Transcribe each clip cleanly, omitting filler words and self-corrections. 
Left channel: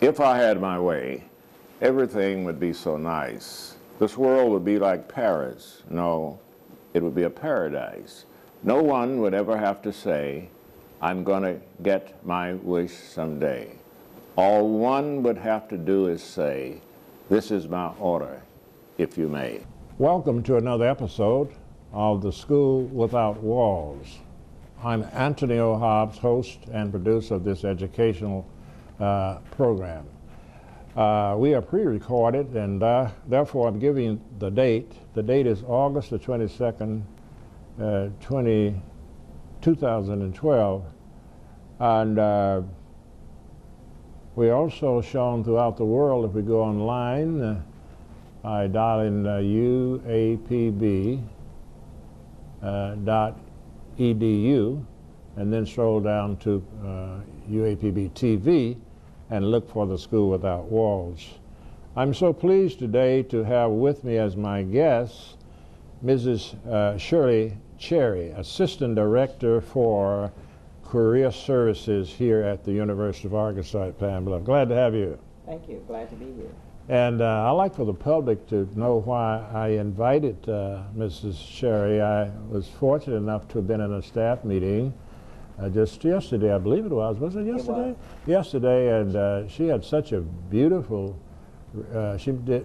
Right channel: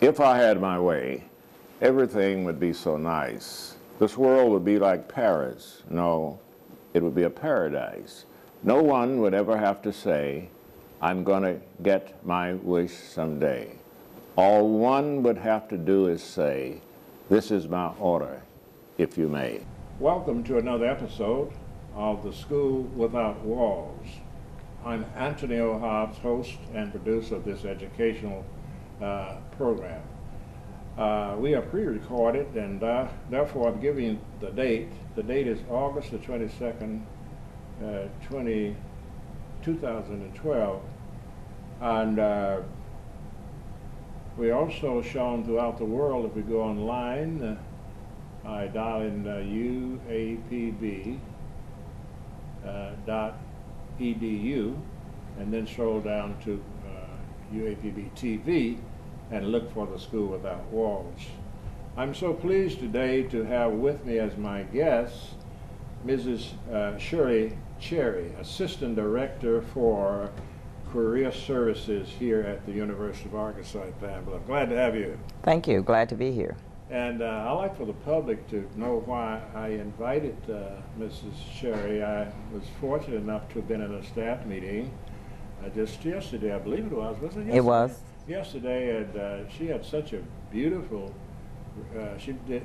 If I had my way, everything would be so nice. This world would be like Paris. No, it would be a paradise. No one would ever have to say, I'm going to get my wish someday. All one would have to do is say, this is my order, if you may. Welcome to another episode of The School Without Walls. I'm Anthony O. Hobbs, host and producer of this educational program. We are pre-recorded, and therefore I'm giving you the date. The date is August the 22nd, 2012. And we're also shown throughout the world. If we go online, I dial in UAPB.edu and then scroll down to UAPB TV and look for The School Without Walls. I'm so pleased today to have with me as my guest Mrs. Shirley Cherry, Assistant Director for Career Services here at the University of Arkansas at Pine Bluff. Glad to have you. Thank you. Glad to be here. And I'd like for the public to know why I invited Mrs. Cherry. I was fortunate enough to have been in a staff meeting just yesterday, I believe it was. Was it yesterday? It was. Yesterday, and she had such a beautiful,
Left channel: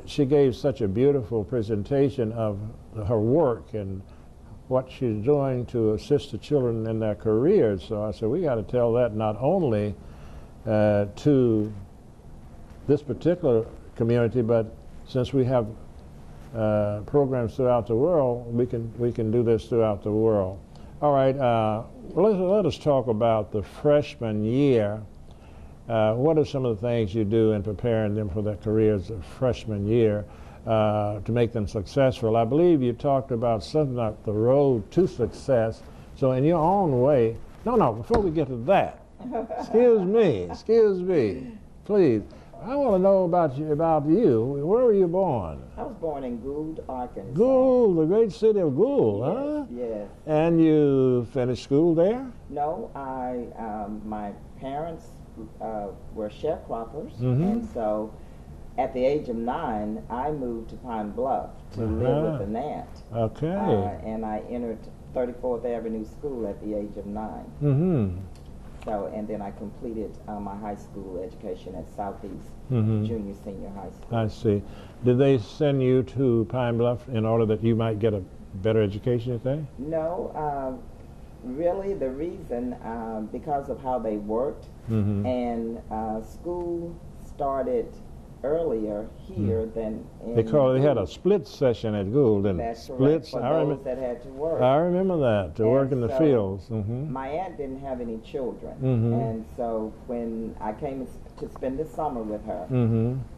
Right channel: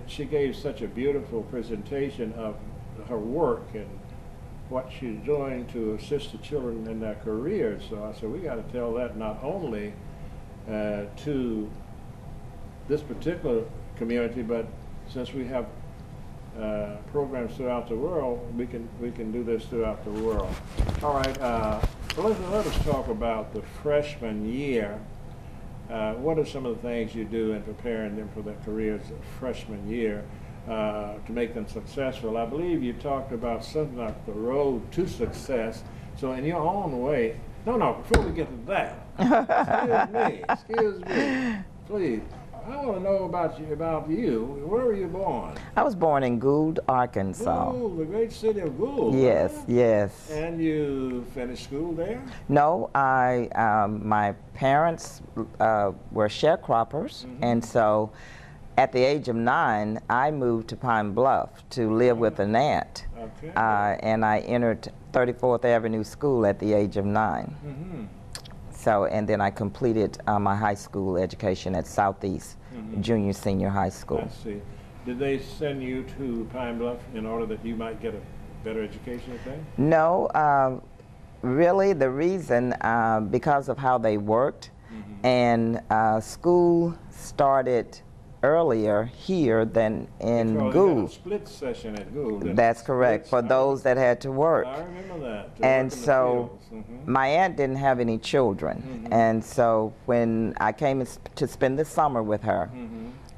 she gave such a beautiful presentation of her work and what she's doing to assist the children in their careers. So I said, we got to tell that not only to this particular community, but since we have programs throughout the world, we can do this throughout the world. All right, let us talk about the freshman year. What are some of the things you do in preparing them for their careers of freshman year to make them successful? I believe you talked about something like the road to success. So in your own way, no, before we get to that, excuse me, please. I want to know about you. Where were you born? I was born in Gould, Arkansas. Gould, the great city of Gould. Yes, huh? yes. And you finished school there? No, my parents were sharecroppers, and so at the age of 9, I moved to Pine Bluff to live with an aunt. Okay. And I entered 34th Avenue School at the age of 9. So, and then I completed my high school education at Southeast Junior Senior High School. I see. Did they send you to Pine Bluff in order that you might get a better education, I think? No, really the reason, because of how they worked, and school started earlier here than in Because Gould. they had a split session at Gould. That's correct, for those that had to work. I remember that, to And work in the so fields. my aunt didn't have any children, and so when I came to spend the summer with her,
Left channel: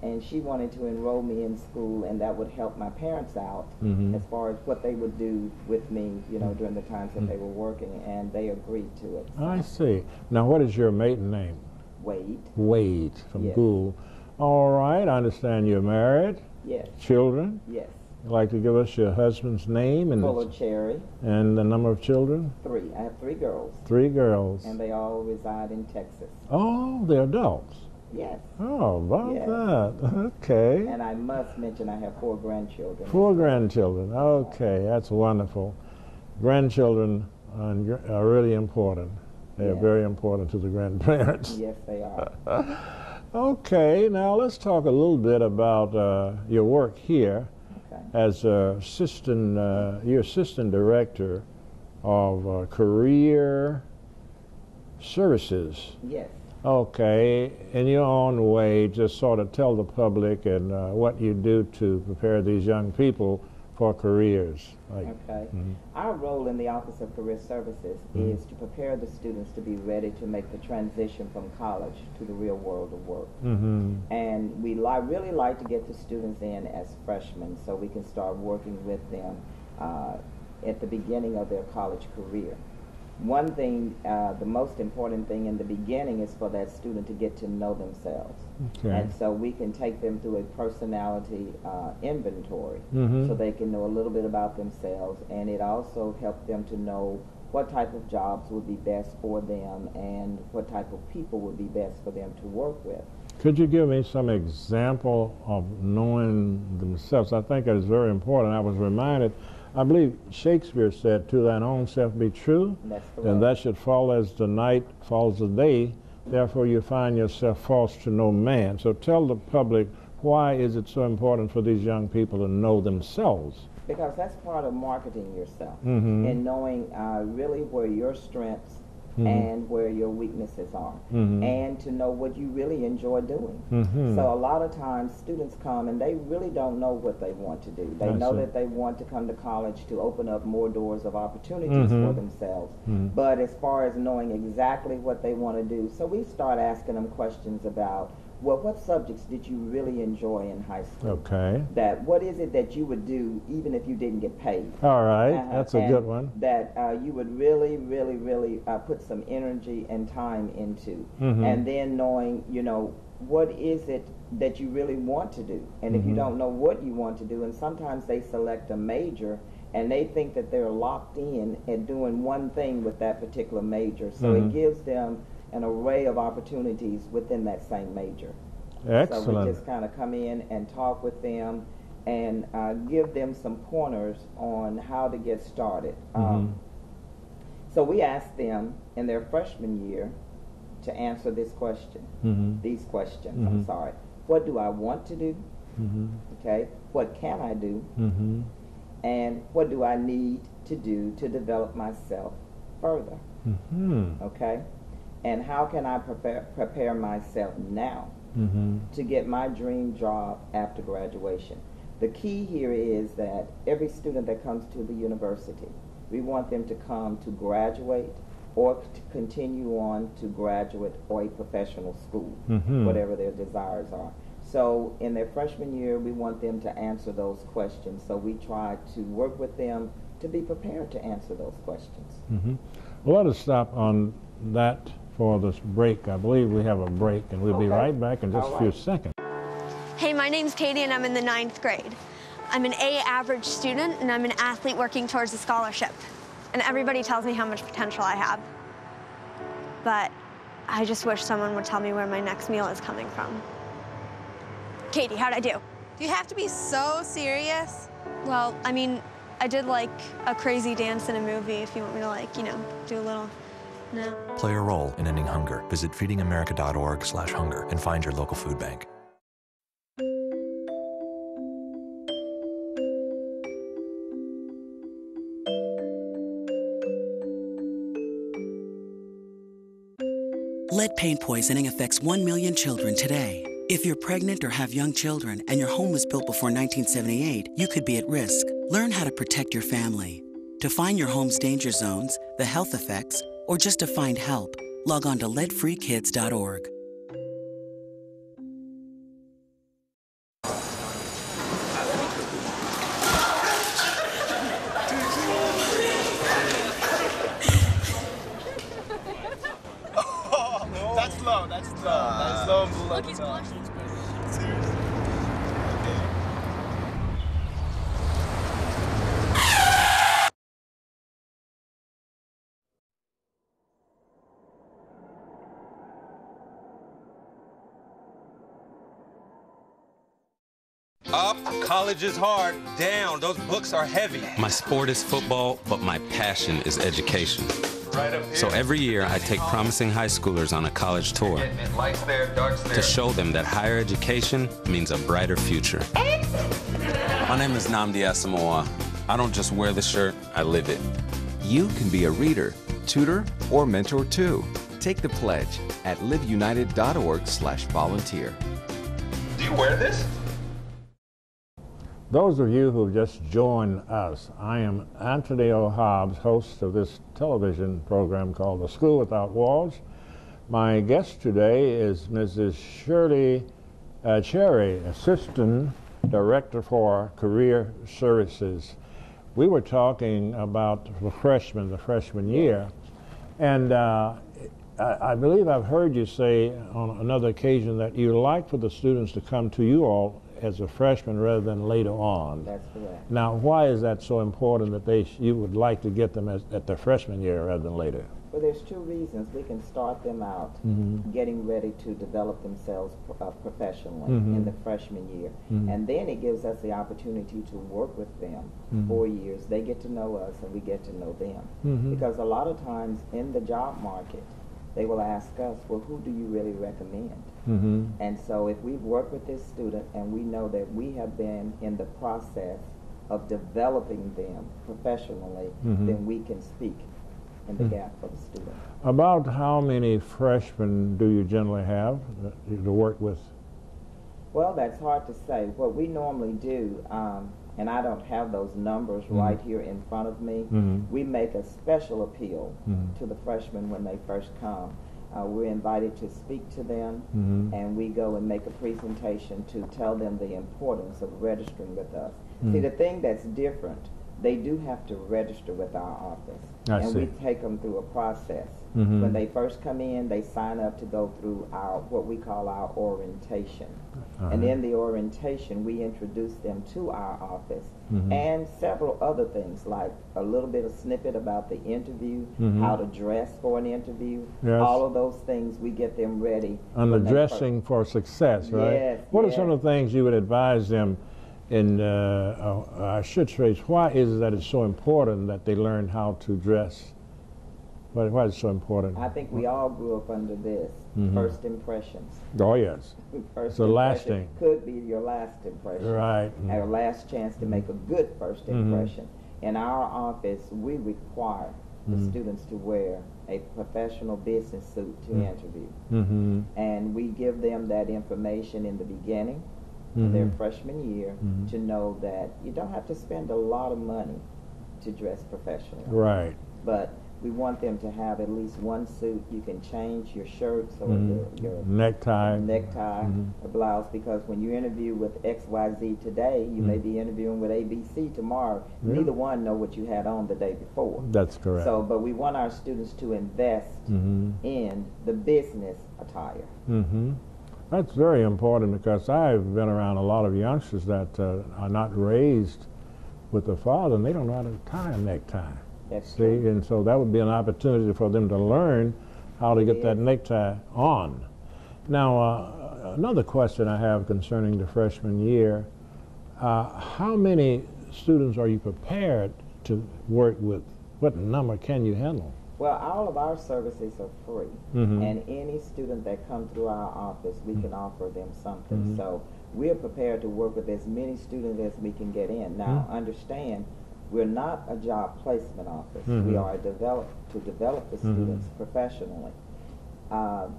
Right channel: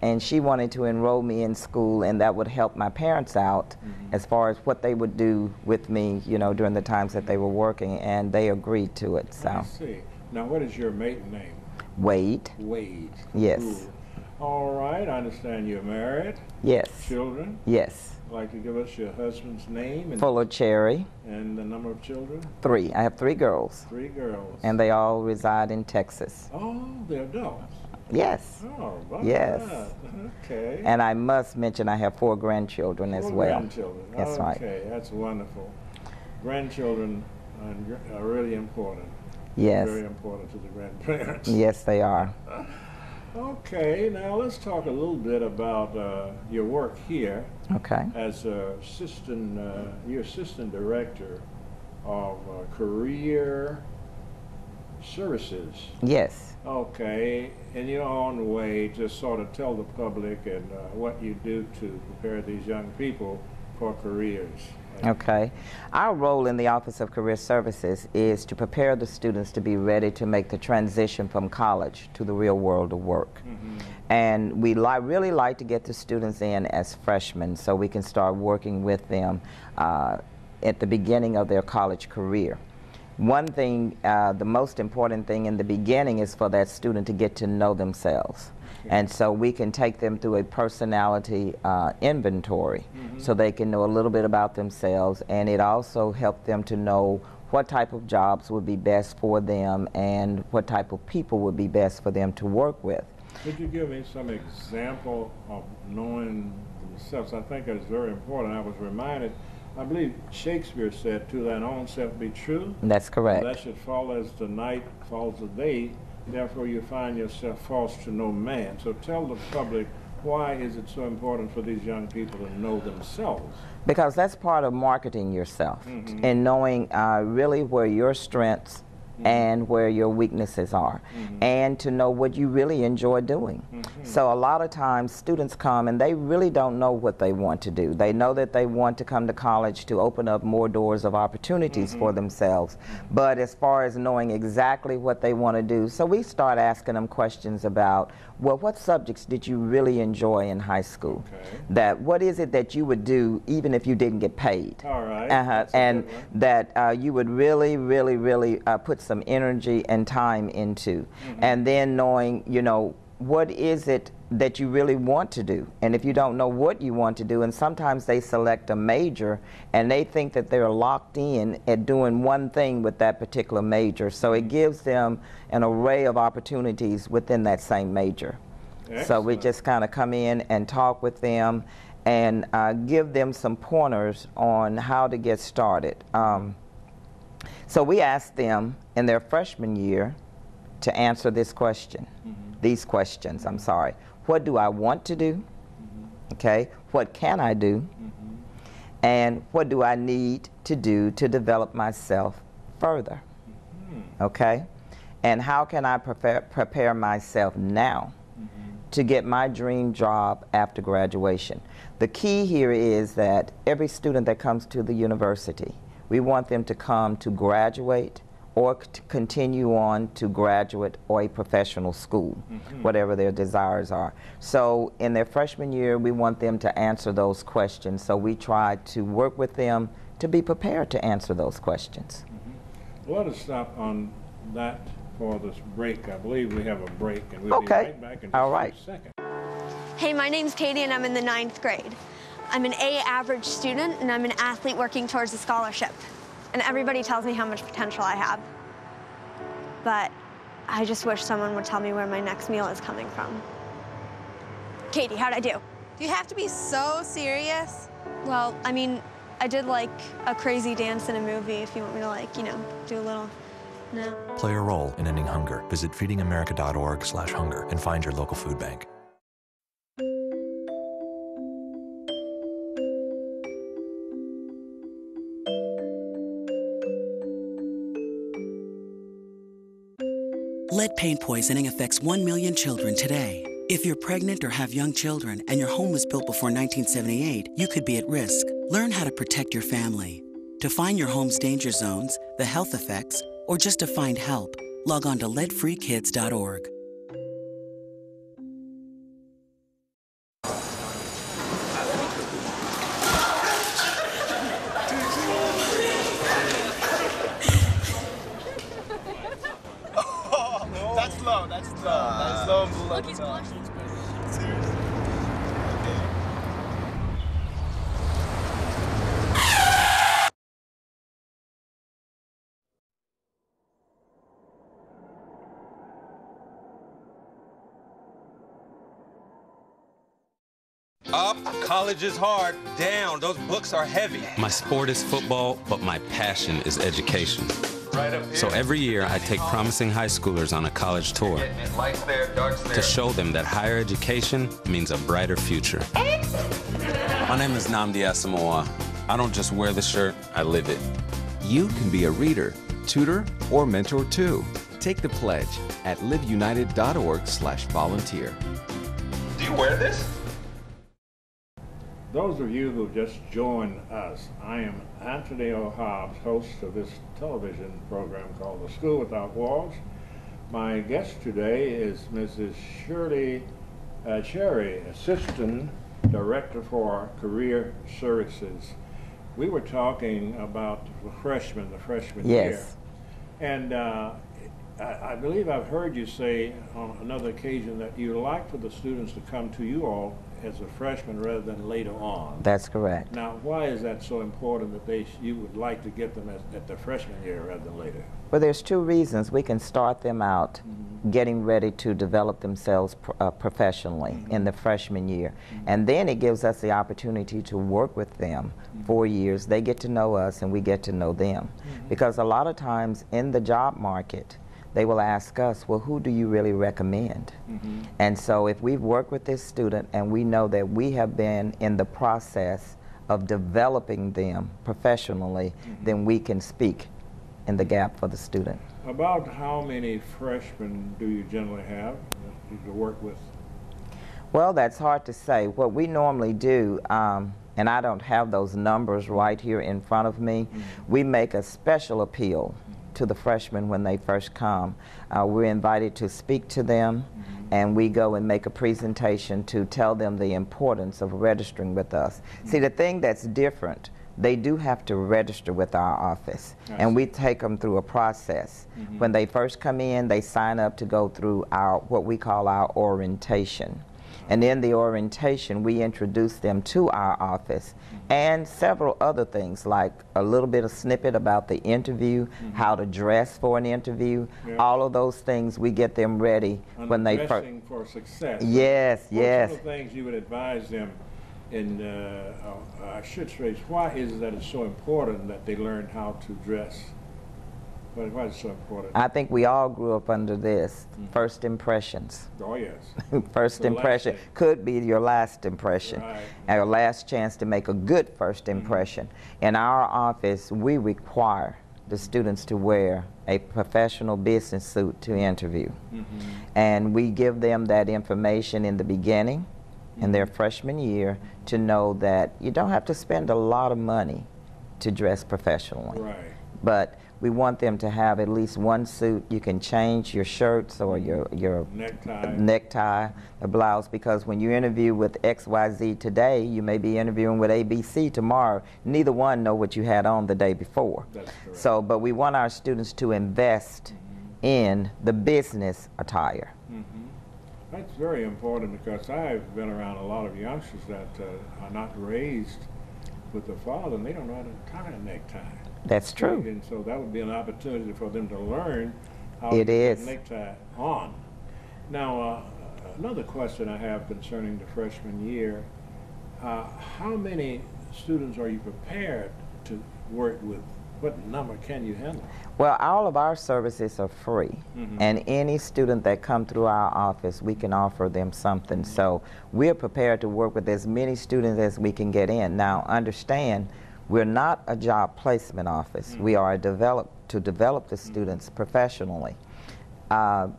and she wanted to enroll me in school, and that would help my parents out as far as what they would do with me, you know, during the times that they were working, and they agreed to it. So. I see. Now, what is your maiden name? Wade. Wade. Yes. Cool. All right, I understand you're married. Yes. Children? Yes. You'd like to give us your husband's name and Fuller Cherry. And the number of children? 3. I have 3 girls. 3 girls. And they all reside in Texas. Oh, they're adults. Yes. Oh, about Yes. that. Okay. And I must mention I have 4 grandchildren as well. 4 grandchildren. That's right. Okay, that's wonderful. Grandchildren are really important. They're Yes. very important to the grandparents. Yes, they are. Okay, now let's talk a little bit about your work here. Okay. As your assistant director of career services. Yes. Okay, in your own way, just sort of tell the public and what you do to prepare these young people for careers. Okay. Our role in the Office of Career Services is to prepare the students to be ready to make the transition from college to the real world of work. And we really like to get the students in as freshmen so we can start working with them at the beginning of their college career. One thing, the most important thing in the beginning is for that student to get to know themselves. Okay. And so we can take them through a personality inventory so they can know a little bit about themselves, and it also helps them to know what type of jobs would be best for them and what type of people would be best for them to work with. Could you give me some example of knowing themselves? I think that is very important. I was reminded, I believe Shakespeare said, "To thine own self be true." That's correct. And that should fall as the night falls the day. Therefore, you find yourself false to no man. So tell the public, why is it so important for these young people to know themselves? Because that's part of marketing yourself and knowing really where your strengths and where your weaknesses are, and to know what you really enjoy doing. So a lot of times students come and they really don't know what they want to do. They know that they want to come to college to open up more doors of opportunities for themselves, but as far as knowing exactly what they want to do, so we start asking them questions about, well, what subjects did you really enjoy in high school? Okay. That what is it that you would do even if you didn't get paid? All right, that's a good one. That you would really, really, really put some energy and time into. And then knowing, you know, what is it that you really want to do? And if you don't know what you want to do, and sometimes they select a major and they think that they're locked in at doing one thing with that particular major. So it gives them an array of opportunities within that same major. Excellent. So we just kind of come in and talk with them and give them some pointers on how to get started. So we ask them in their freshman year to answer this question, these questions, I'm sorry. What do I want to do? Okay, what can I do? And what do I need to do to develop myself further? Okay, and how can I prepare myself now to get my dream job after graduation? The key here is that every student that comes to the university, we want them to come to graduate or to continue on to graduate or a professional school, whatever their desires are. So in their freshman year, we want them to answer those questions. So we try to work with them to be prepared to answer those questions. Well, let us stop on that for this break. I believe we have a break, and we'll be right back in just a few seconds. Hey, my name's Katie, and I'm in the 9th grade. I'm an A average student, and I'm an athlete working towards a scholarship. And everybody tells me how much potential I have. But I just wish someone would tell me where my next meal is coming from. Katie, how'd I do? Do you have to be so serious? Well, I mean, I did like a crazy dance in a movie, if you want me to, like, you know, do a little, no. Play a role in ending hunger. Visit feedingamerica.org/hunger and find your local food bank. Lead paint poisoning affects 1 million children today. If you're pregnant or have young children and your home was built before 1978, you could be at risk. Learn how to protect your family. To find your home's danger zones, the health effects, or just to find help, log on to leadfreekids.org. Look, he's blushing. Seriously? Up, college is hard. Down, those books are heavy. My sport is football, but my passion is education. Right up here. So every year I take promising high schoolers on a college tour Lights there, darts there. to show them that higher education means a brighter future. My name is Nnamdi Asamoah. I don't just wear the shirt, I live it. You can be a reader, tutor, or mentor too. Take the pledge at liveunited.org/volunteer. Do you wear this? Those of you who have just joined us, I am Anthony O. Hobbs, host of this television program called The School Without Walls. My guest today is Mrs. Shirley Cherry, Assistant Director for Career Services. We were talking about the freshman year. And I believe I've heard you say on another occasion that you like for the students to come to you all as a freshman rather than later on. That's correct. Now, why is that so important that you would like to get them at their freshman year rather than later? Well, there's two reasons. We can start them out getting ready to develop themselves professionally in the freshman year. And then it gives us the opportunity to work with them 4 years. They get to know us and we get to know them. Because a lot of times in the job market, they will ask us, well, who do you really recommend? And so if we've worked with this student and we know that we have been in the process of developing them professionally, then we can speak in the gap for the student. About how many freshmen do you generally have to work with? Well, that's hard to say. What we normally do, and I don't have those numbers right here in front of me, we make a special appeal to the freshmen when they first come. We're invited to speak to them, and we go and make a presentation to tell them the importance of registering with us. See, the thing that's different, they do have to register with our office, and we take them through a process. When they first come in, they sign up to go through our what we call our orientation. And in the orientation, we introduce them to our office and several other things, like a little bit of snippet about the interview, how to dress for an interview, all of those things. We get them ready. On the dressing for success. Yes, right? What are some of the things you would advise them in, I should say, why is it that it's so important that they learn how to dress? Why is it so important? I think we all grew up under this, first impressions. Oh, yes. First impression could be your last impression. Right. Our last chance to make a good first impression. In our office, we require the students to wear a professional business suit to interview. And we give them that information in the beginning, in their freshman year, to know that you don't have to spend a lot of money to dress professionally. Right. But we want them to have at least one suit. You can change your shirts or your necktie, a blouse, because when you interview with XYZ today, you may be interviewing with ABC tomorrow. Neither one know what you had on the day before. That's correct. So, but we want our students to invest in the business attire. That's very important, because I've been around a lot of youngsters that are not raised with a father, and they don't know how to tie a necktie. That's true. And so that would be an opportunity for them to learn how to get that necktie on. Now, another question I have concerning the freshman year, how many students are you prepared to work with? What number can you handle? Well, all of our services are free, and any student that comes through our office, we can offer them something. So we're prepared to work with as many students as we can get in. Now, understand, we're not a job placement office. We are to develop the students professionally. Our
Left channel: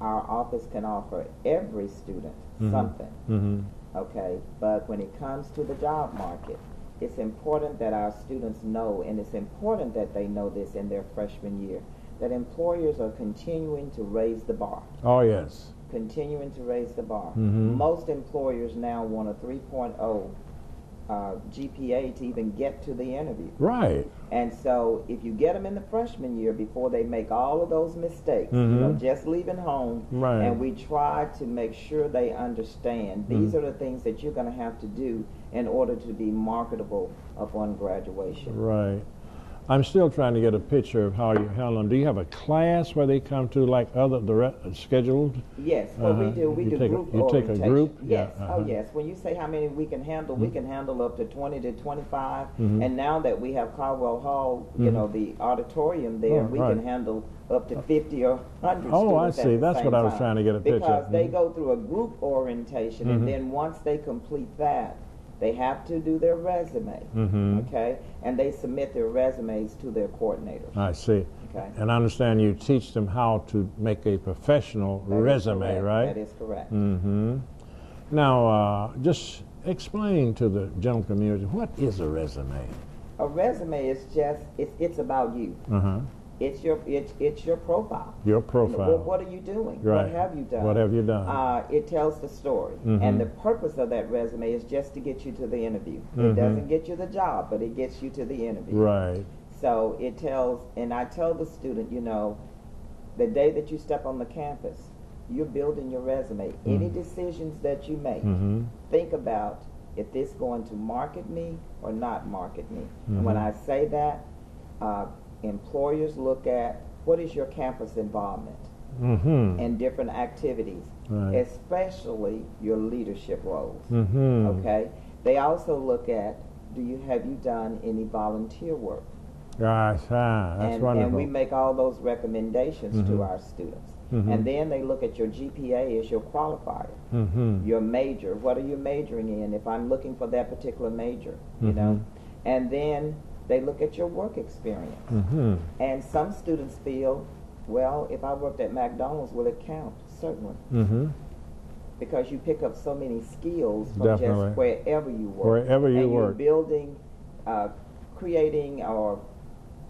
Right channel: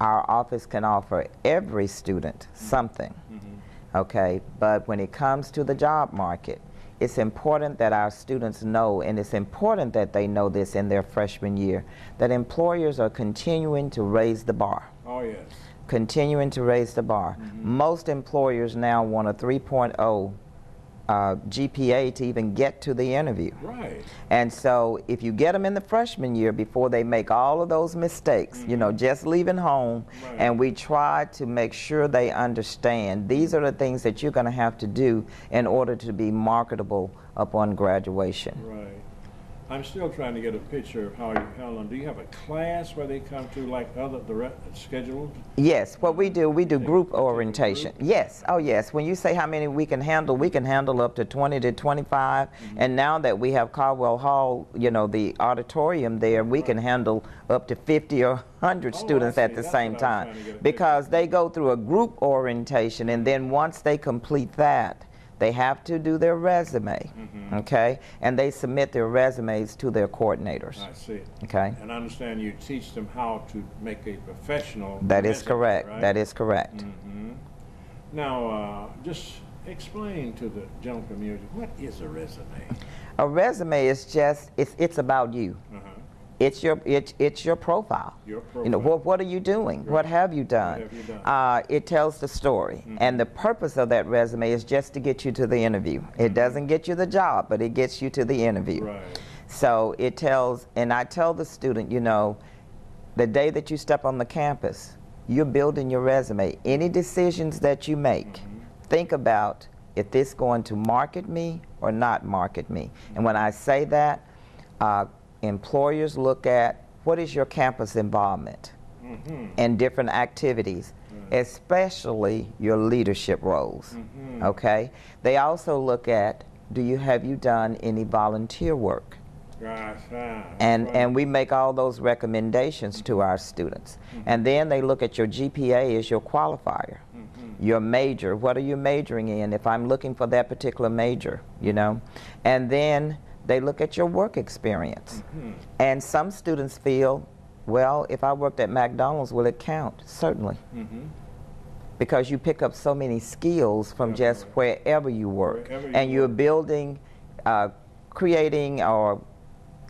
office can offer every student something, okay? But when it comes to the job market, it's important that our students know, and it's important that they know this in their freshman year, that employers are continuing to raise the bar. Oh, yes. Continuing to raise the bar. Most employers now want a 3.0 GPA to even get to the interview. Right. And so if you get them in the freshman year before they make all of those mistakes, you know, just leaving home, and we try to make sure they understand these are the things that you're going to have to do in order to be marketable upon graduation. Right. I'm still trying to get a picture of how you handle them. Do you have a class where they come to, like other scheduled? Yes, what we do group orientation. Group? Yes, oh yes. When you say how many we can handle, we can handle up to 20 to 25. And now that we have Caldwell Hall, you know, the auditorium there, we can handle up to 50 or 100 students at the same time. Because they go through a group orientation, and then once they complete that, they have to do their resume, okay? And they submit their resumes to their coordinators. I see. Okay. And I understand you teach them how to make a professional resume, That is correct. Right? That is correct. Now, just explain to the general community, what is a resume? A resume is just, it's about you. It's your profile. Your profile. You know, what are you doing? Right. What have you done? What have you done? It tells the story. And the purpose of that resume is just to get you to the interview. It doesn't get you the job, but it gets you to the interview. Right. So it tells, and I tell the student, you know, the day that you step on the campus, you're building your resume. Any decisions that you make, think about, if this going to market me or not market me. And when I say that, employers look at what is your campus involvement in different activities, especially your leadership roles, okay? They also look at, have you done any volunteer work? And we make all those recommendations to our students. And then they look at your GPA as your qualifier, your major. What are you majoring in if I'm looking for that particular major, you know? And then they look at your work experience. And some students feel, well, if I worked at McDonald's, will it count? Certainly. Because you pick up so many skills from just wherever you work. And you're building, creating, or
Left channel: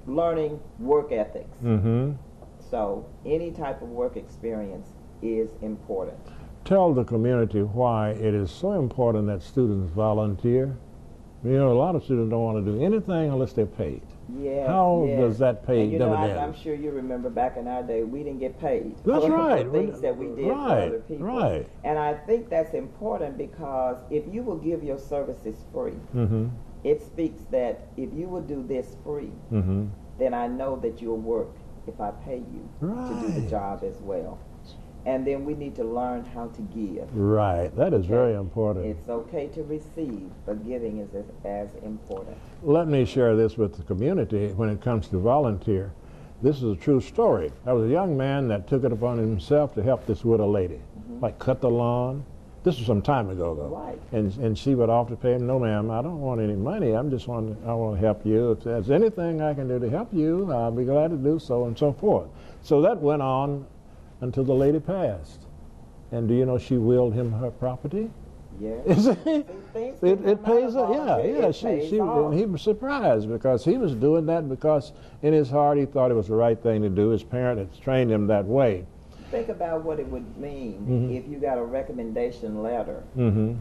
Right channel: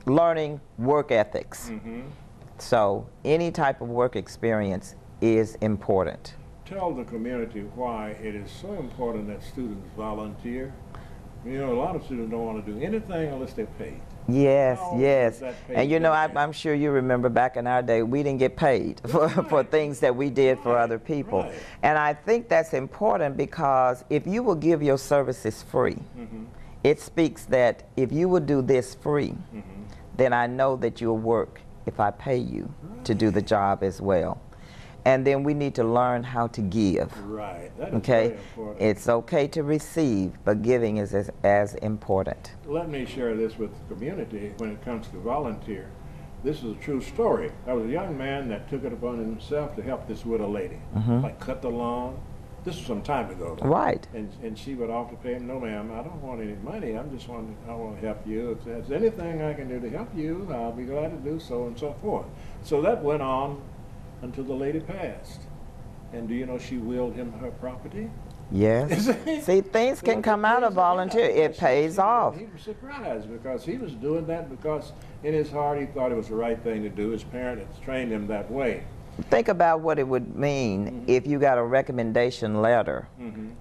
learning work ethics. So any type of work experience is important. Tell the community why it is so important that students volunteer. You know, a lot of students don't want to do anything unless they're paid. Yes, How does that pay? And you know, I'm sure you remember back in our day, we didn't get paid for things that we did for other people. And I think that's important because if you will give your services free, it speaks that if you will do this free, then I know that you'll work if I pay you to do the job as well. And then we need to learn how to give. That is very important. It's okay to receive, but giving is as important. Let me share this with the community when it comes to volunteer. This is a true story. I was a young man that took it upon himself to help this widow lady, like cut the lawn. This was some time ago, though. And she would often pay him, no ma'am, I don't want any money, I want to help you. If there's anything I can do to help you, I'll be glad to do so, and so forth. So that went on until the lady passed. And do you know she willed him her property? Yes. See, things can come out of volunteer. It pays off. He was surprised because he was doing that because in his heart he thought it was the right thing to do. His parents trained him that way. Think about what it would mean if you got a recommendation letter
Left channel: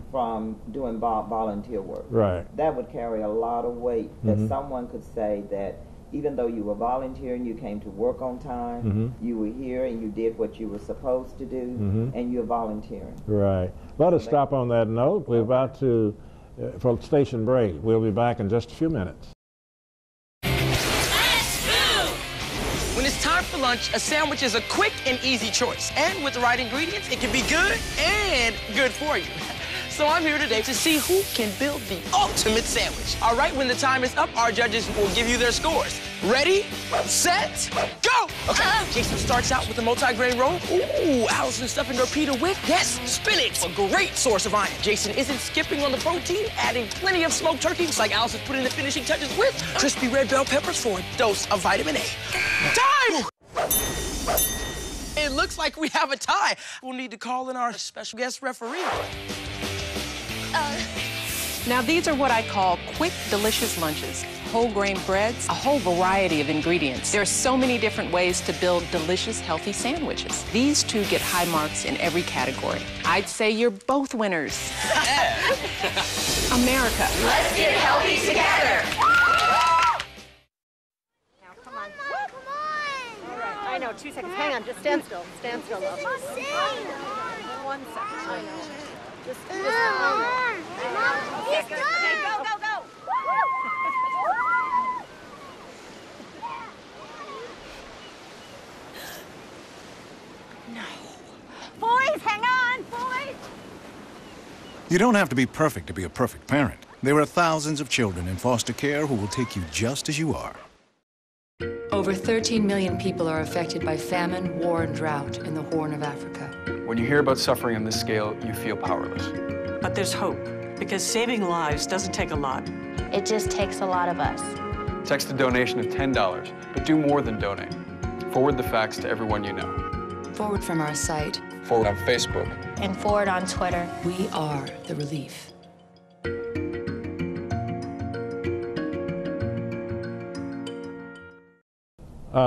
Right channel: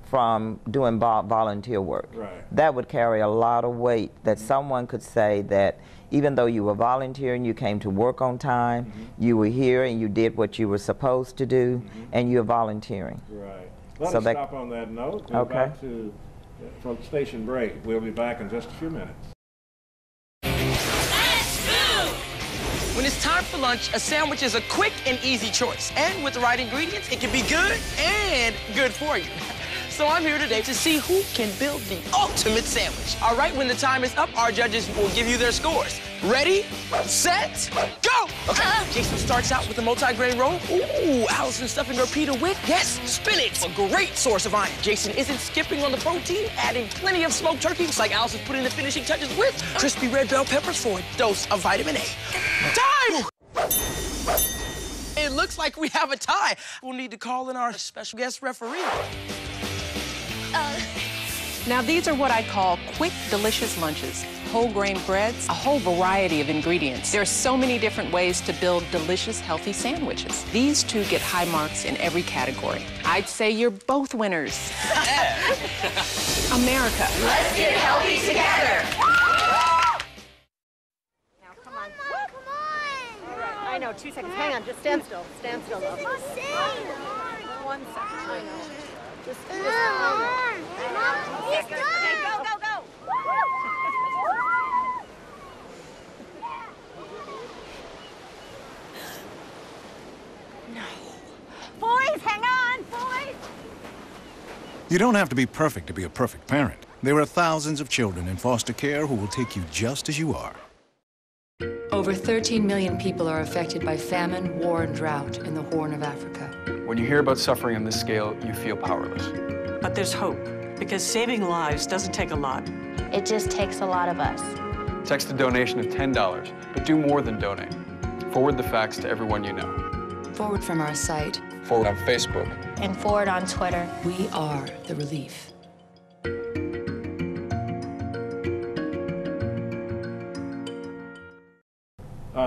from doing volunteer work. That would carry a lot of weight, that someone could say that even though you were volunteering, you came to work on time, you were here and you did what you were supposed to do, and you're volunteering. Let us stop on that note. We're about to, for station break. We'll be back in just a few minutes. When it's time for lunch, a sandwich is a quick and easy choice. And with the right ingredients, it can be good and good for you. So I'm here today to see who can build the ultimate sandwich. All right, when the time is up, our judges will give you their scores. Ready, set, go! Okay, Jason starts out with a multi-grain roll. Ooh, Allison's stuffing her pita with, yes, spinach, a great source of iron. Jason isn't skipping on the protein, adding plenty of smoked turkey, just like Allison's putting the finishing touches with crispy red bell peppers for a dose of vitamin A. Time! It looks like we have a tie. We'll need to call in our special guest referee. Now, these are what I call quick, delicious lunches. Whole grain breads, a whole variety of ingredients. There are so many different ways to build delicious, healthy sandwiches. These two get high marks in every category. I'd say you're both winners. America. Let's get healthy together. Now, come on. Come on. All right. I know, 2 seconds. Hang on, just stand still. Stand still, love. 1 second. I know. Just Mom, he's done. Okay, go, go, go. No. Boys, hang on, boys. You don't have to be perfect to be a perfect parent. There are thousands of children in foster care who will take you just as you are. Over 13 million people are affected by famine, war, and drought in the Horn of Africa. When you hear about suffering on this scale, you feel powerless. But there's hope, because saving lives doesn't take a lot. It just takes a lot of us. Text a donation of $10, but do more than donate. Forward the facts to everyone you know. Forward from our site. Forward on Facebook. And forward on Twitter. We are the relief.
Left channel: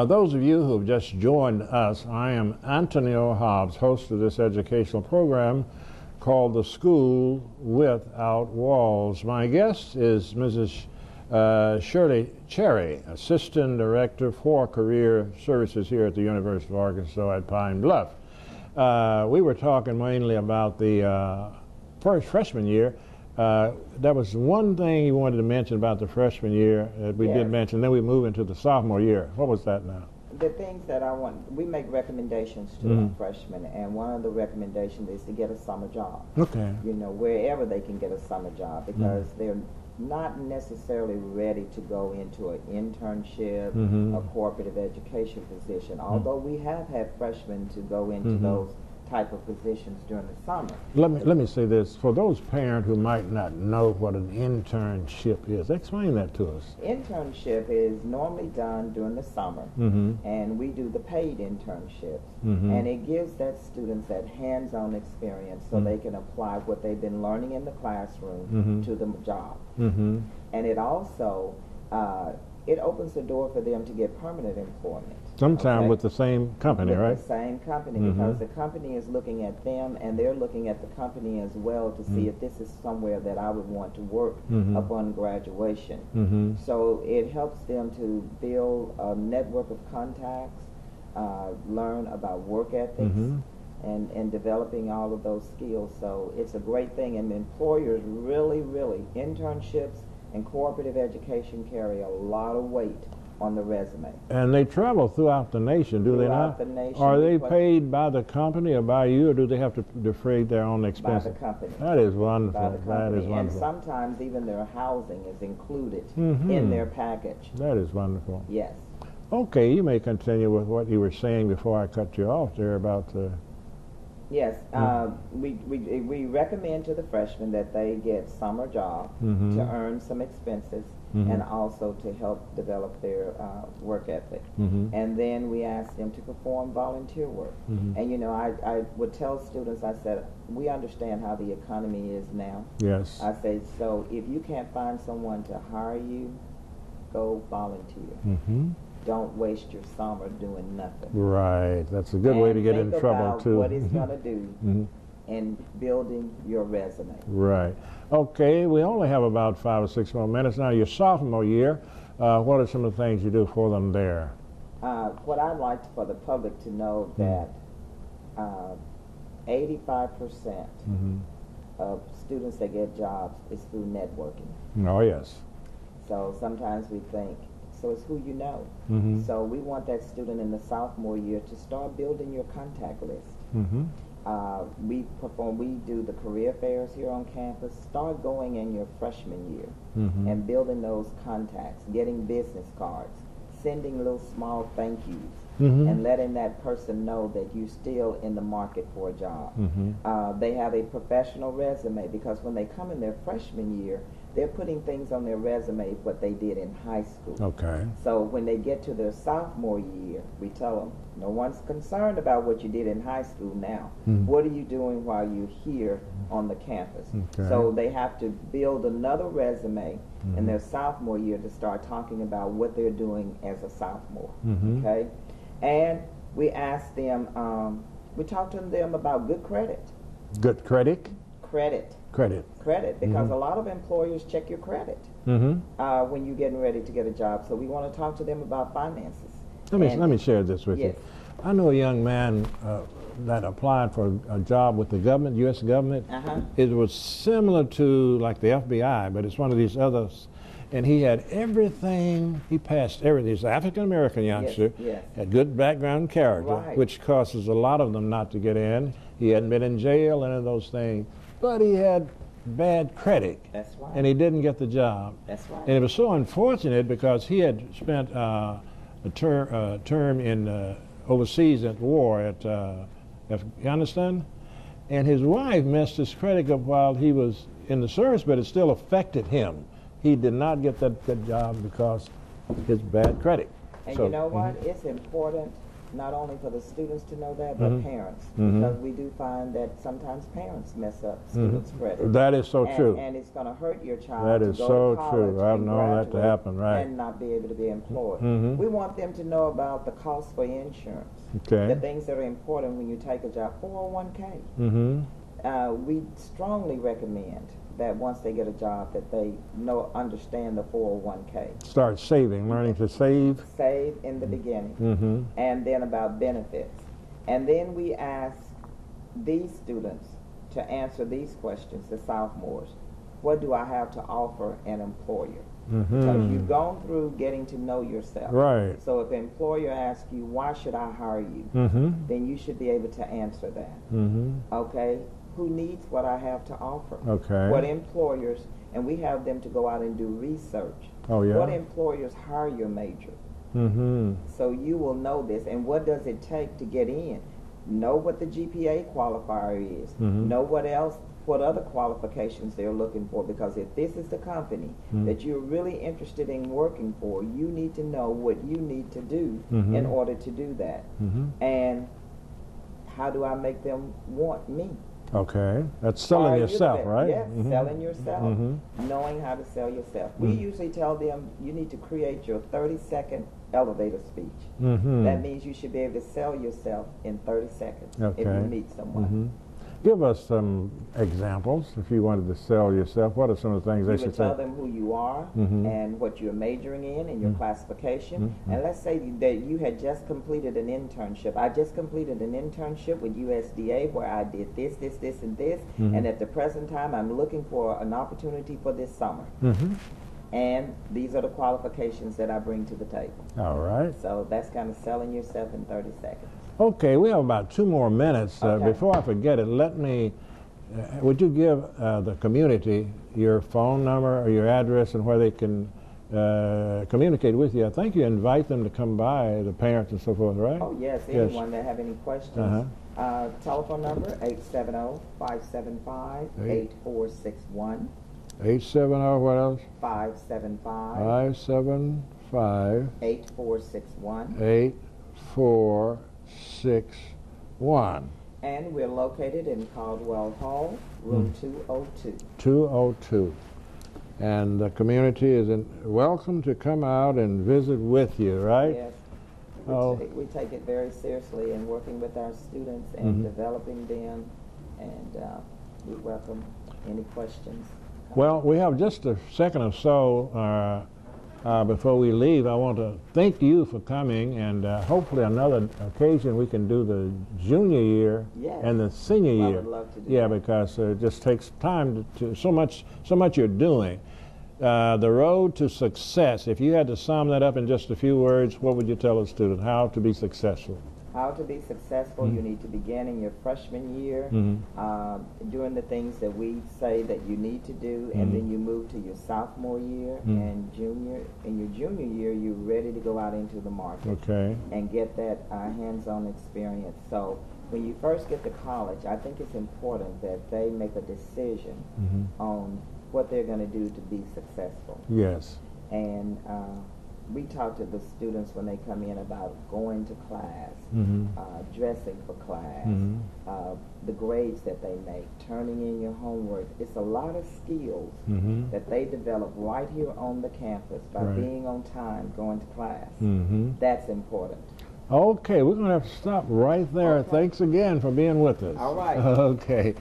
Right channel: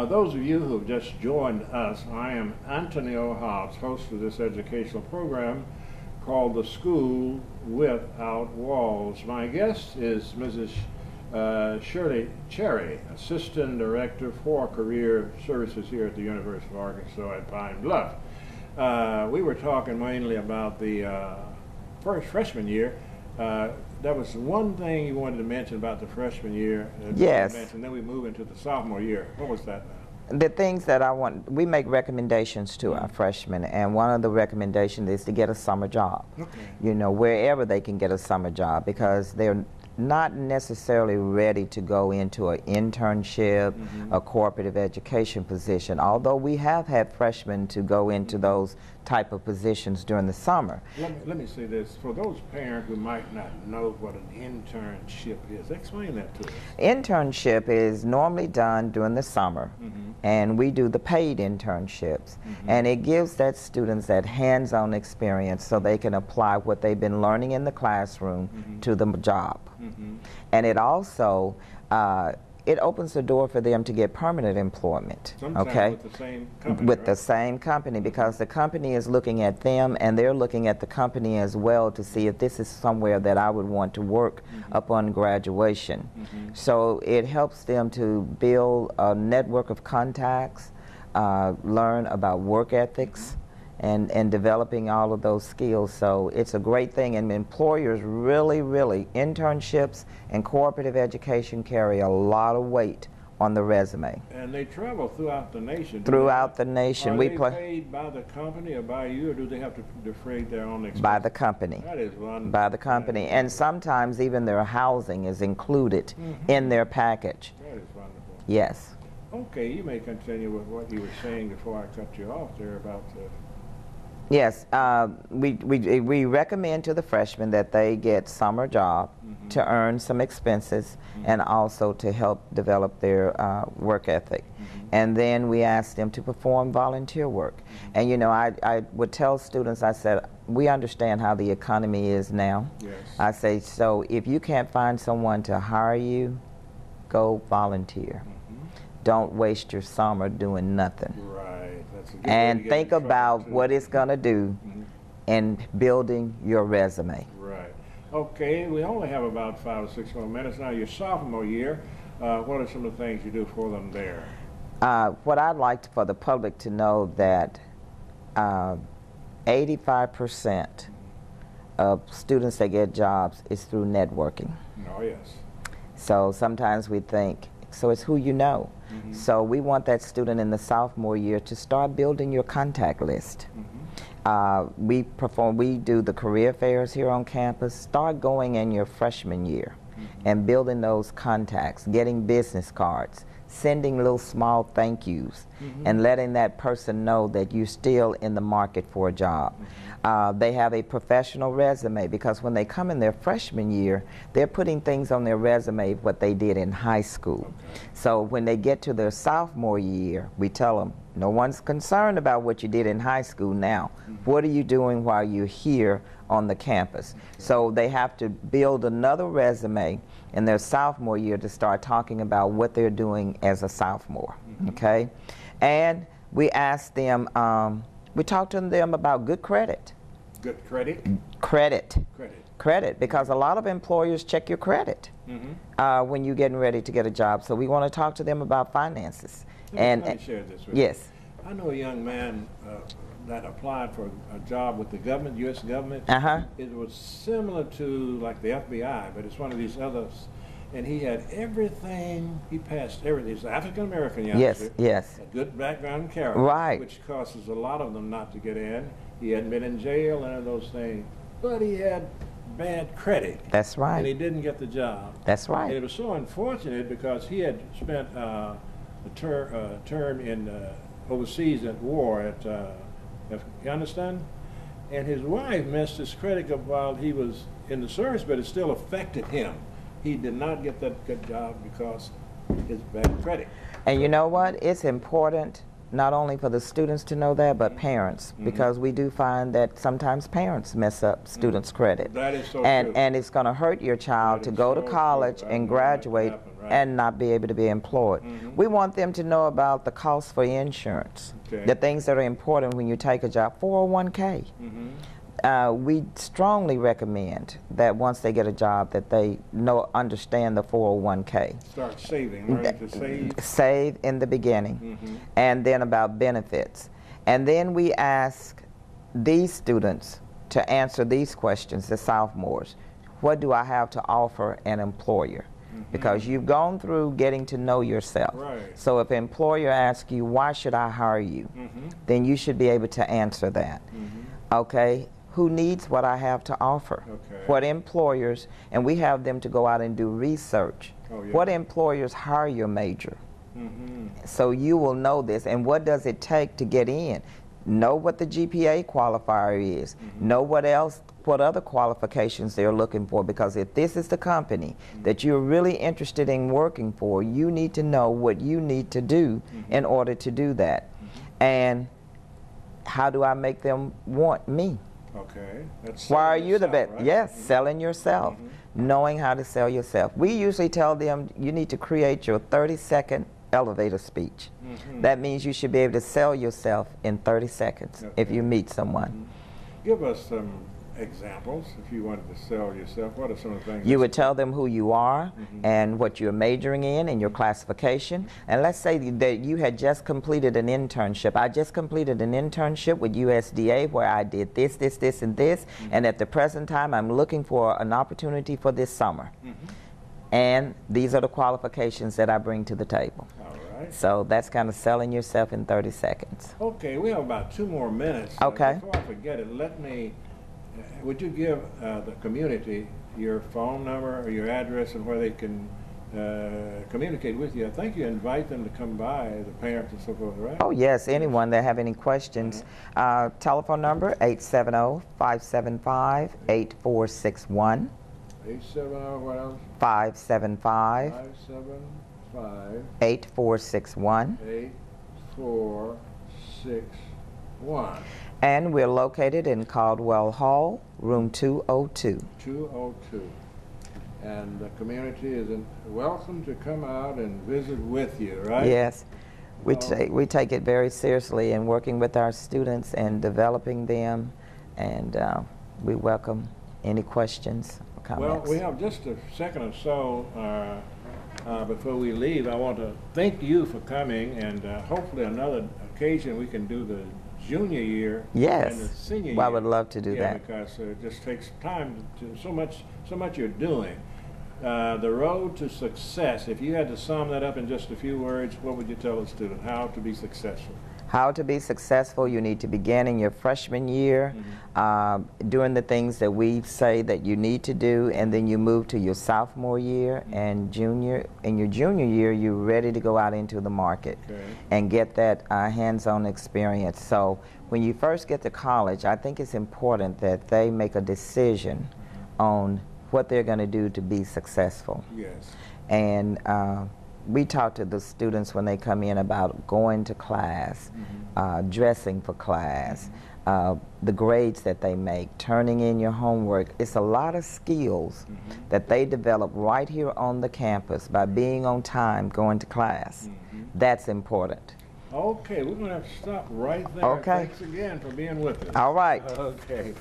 Those of you who have just joined us, I am Antonio Hobbs, host of this educational program called The School Without Walls. My guest is Mrs. Shirley Cherry, Assistant Director for Career Services here at the University of Arkansas at Pine Bluff. We were talking mainly about the first freshman year. That was one thing you wanted to mention about the freshman year. You did mention. Then we move into the sophomore year. What was that now? The things that I want, we make recommendations to our freshmen, and one of the recommendations is to get a summer job. Okay. You know, wherever they can get a summer job, because they're not necessarily ready to go into an internship, a cooperative education position, although we have had freshmen to go into those type of positions during the summer. Let me say this, for those parents who might not know what an internship is, explain that to us. Internship is normally done during the summer, and we do the paid internships, and it gives that students that hands-on experience so they can apply what they've been learning in the classroom to the job. And it also it opens the door for them to get permanent employment. Sometimes with the same company, With right? the same company, because the company is looking at them, and they're looking at the company as well to see if this is somewhere that I would want to work upon graduation. So it helps them to build a network of contacts, learn about work ethics, and developing all of those skills. So it's a great thing, and employers really, internships and cooperative education carry a lot of weight on the resume. And they travel throughout the nation, do Throughout they the nation. Are we they paid by the company or by you, or do they have to defray their own expenses? By the company. That is wonderful. By the company. And sometimes even their housing is included in their package. That is wonderful. Yes. Okay, you may continue with what you were saying before I cut you off there about the... Yes, we recommend to the freshmen that they get summer job to earn some expenses and also to help develop their work ethic. And then we ask them to perform volunteer work. And you know, I would tell students, I said, we understand how the economy is now. Yes. I say, so if you can't find someone to hire you, go volunteer. Don't waste your summer doing nothing. Right, that's a good way to get in And think about too. what it's going to do in building your resume. Right. Okay, we only have about 5 or 6 more minutes now. Your sophomore year, what are some of the things you do for them there? What I'd like for the public to know that 85% of students that get jobs is through networking. Oh, yes. So sometimes we think, so it's who you know. So we want that student in the sophomore year to start building your contact list. We do the career fairs here on campus. Start going in your freshman year and building those contacts, getting business cards, sending little small thank yous, and letting that person know that you're still in the market for a job. They have a professional resume, because when they come in their freshman year, they're putting things on their resume what they did in high school. Okay. So when they get to their sophomore year, we tell them, no one's concerned about what you did in high school now. What are you doing while you're here on the campus? So they have to build another resume in their sophomore year to start talking about what they're doing as a sophomore, okay? And we ask them, we talk to them about good credit. Good credit? Credit. Credit. Credit, because a lot of employers check your credit when you're getting ready to get a job. So we want to talk to them about finances. Let me share this with you. Yes. I know a young man that applied for a job with the government, U.S. government. It was similar to like the FBI, but it's one of these others. And he had everything, he passed everything. He's an African-American youngster. Yes. Had good background character, which causes a lot of them not to get in. He hadn't been in jail, any of those things. But he had bad credit. That's right. And he didn't get the job. That's right. And it was so unfortunate because he had spent a term in overseas at war at Afghanistan, and his wife messed his credit up while he was in the service, but it still affected him. He did not get that good job because his bad credit. And you know what? It's important not only for the students to know that, but parents, because we do find that sometimes parents mess up students' credit. That is so true. And it's going to hurt your child to go to college and graduate and not be able to be employed. We want them to know about the cost for insurance, the things that are important when you take a job. 401k. We strongly recommend that once they get a job that they understand the 401k. Start saving, learn to save. Save in the beginning, and then about benefits. And then we ask these students to answer these questions, the sophomores. What do I have to offer an employer? because you've gone through getting to know yourself. Right. So if an employer asks you, why should I hire you? Then you should be able to answer that. Okay? Who needs what I have to offer? Okay. What employers, and we have them to go out and do research. Oh, yeah? What employers hire your major? So you will know this, and what does it take to get in? Know what the GPA qualifier is. Know what other qualifications they're looking for, because if this is the company that you're really interested in working for, you need to know what you need to do in order to do that. And how do I make them want me? Okay, that's Why are selling you the yourself, best? right? Yes, selling yourself, knowing how to sell yourself. We usually tell them you need to create your 30-second elevator speech. That means you should be able to sell yourself in 30 seconds if you meet someone. Give us some examples if you wanted to sell yourself. What are some of the things you would tell them who you are and what you're majoring in and your classification. And let's say that you had just completed an internship. I just completed an internship with USDA where I did this, this, this, and this. And at the present time, I'm looking for an opportunity for this summer. And these are the qualifications that I bring to the table. All right. So that's kind of selling yourself in 30 seconds. Okay, we have about 2 more minutes. Okay. Before I forget it, let me, would you give the community your phone number or your address and where they can communicate with you? I think you invite them to come by, the parents and so forth, right? Oh, yes, anyone that have any questions. Telephone number, 870-575-8461. 870, what else? 575. 575. 8461. 8461. And we're located in Caldwell Hall, room 202. 202. And the community is welcome to come out and visit with you, right? Yes. We take it very seriously in working with our students and developing them, and we welcome any questions. Well, we have just a second or so before we leave. I want to thank you for coming, and hopefully another occasion we can do the junior year and the senior year. I would love to do that. Yeah, because it just takes time to so much you're doing. The road to success, if you had to sum that up in just a few words, what would you tell a student how to be successful? How to be successful, you need to begin in your freshman year, doing the things that we say that you need to do, and then you move to your sophomore year and junior. In your junior year, you're ready to go out into the market and get that hands-on experience. So when you first get to college, I think it's important that they make a decision on what they're going to do to be successful. Yes. And we talk to the students when they come in about going to class, dressing for class, the grades that they make, turning in your homework. It's a lot of skills that they develop right here on the campus by being on time, going to class. That's important. Okay, we're going to have to stop right there. Okay. Thanks again for being with us. All right. Okay.